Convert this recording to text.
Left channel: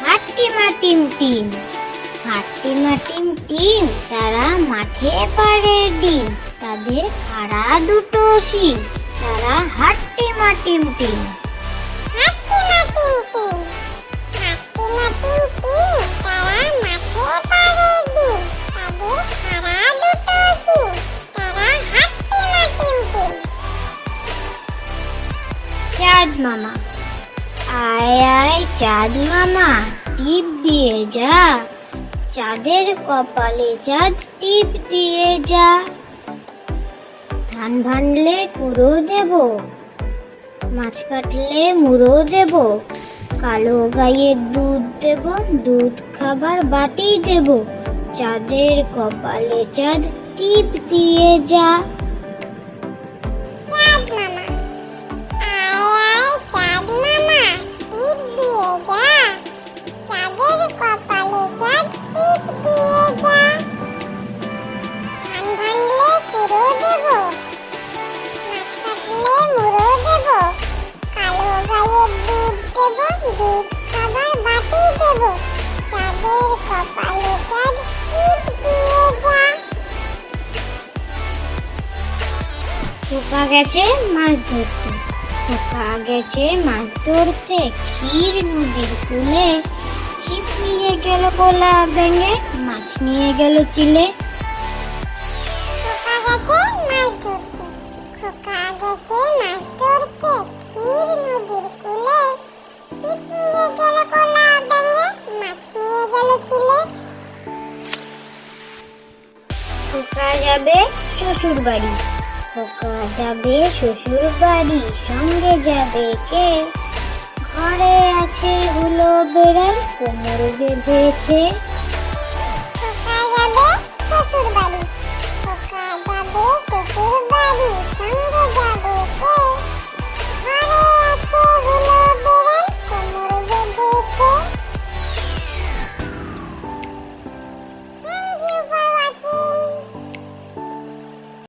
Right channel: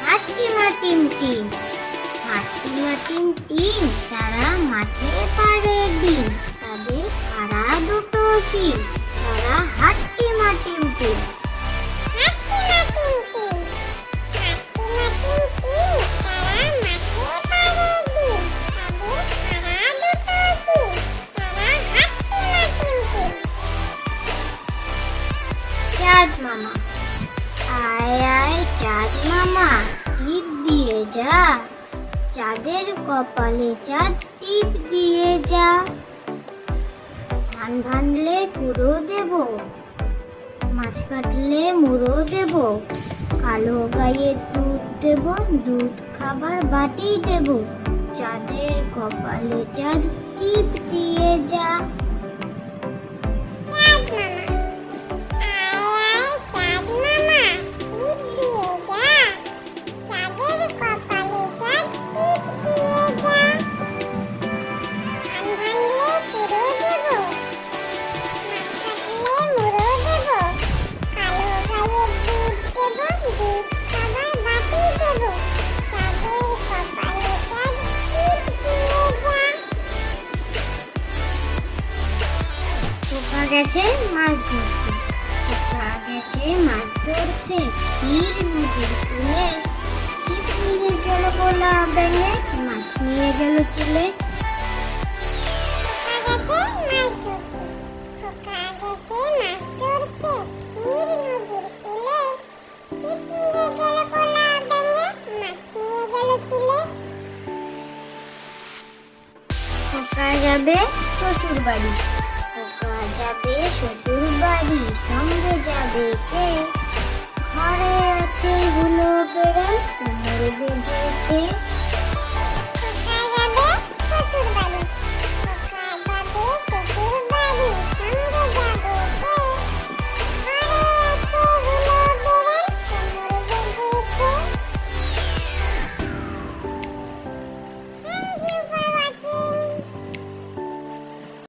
হাট্টিমা টিম টিম হাট্টিমা টিম টিম তারা মাঠে পারে টিম তাদের খাড়া দুটো শিব তারা হাট্টিমা টিম টিম মামা। আয় আয়, চাঁদ মামা, টিপ দিয়ে যা। চাঁদের কপালে চাঁদ, টিপ দিয়ে যা। ধান ভানলে কুড়ো দেব, মাছ কাটলে মুড়ো দেব, কালো গাইয়ের দুধ দেব, দুধ খাবার বাটি দেব। চাঁদের কপালে চাঁদ, টিপ দিয়ে যা। পোকা গেছে মাছ ধরতে। পোকা গেছে মাছ ধরতে। ক্ষীর নদীর কুলে। ছিপ নিয়ে গেল গোলা ভেঙে, মাছ নিয়ে গেল চিলে। যাবে শ্বশুর বাড়ি যাবে শ্বশুর বাড়ি সঙ্গে যাবে কে? ঘরে আছে হুলো বেড়াল কোমরে বেঁধেছে।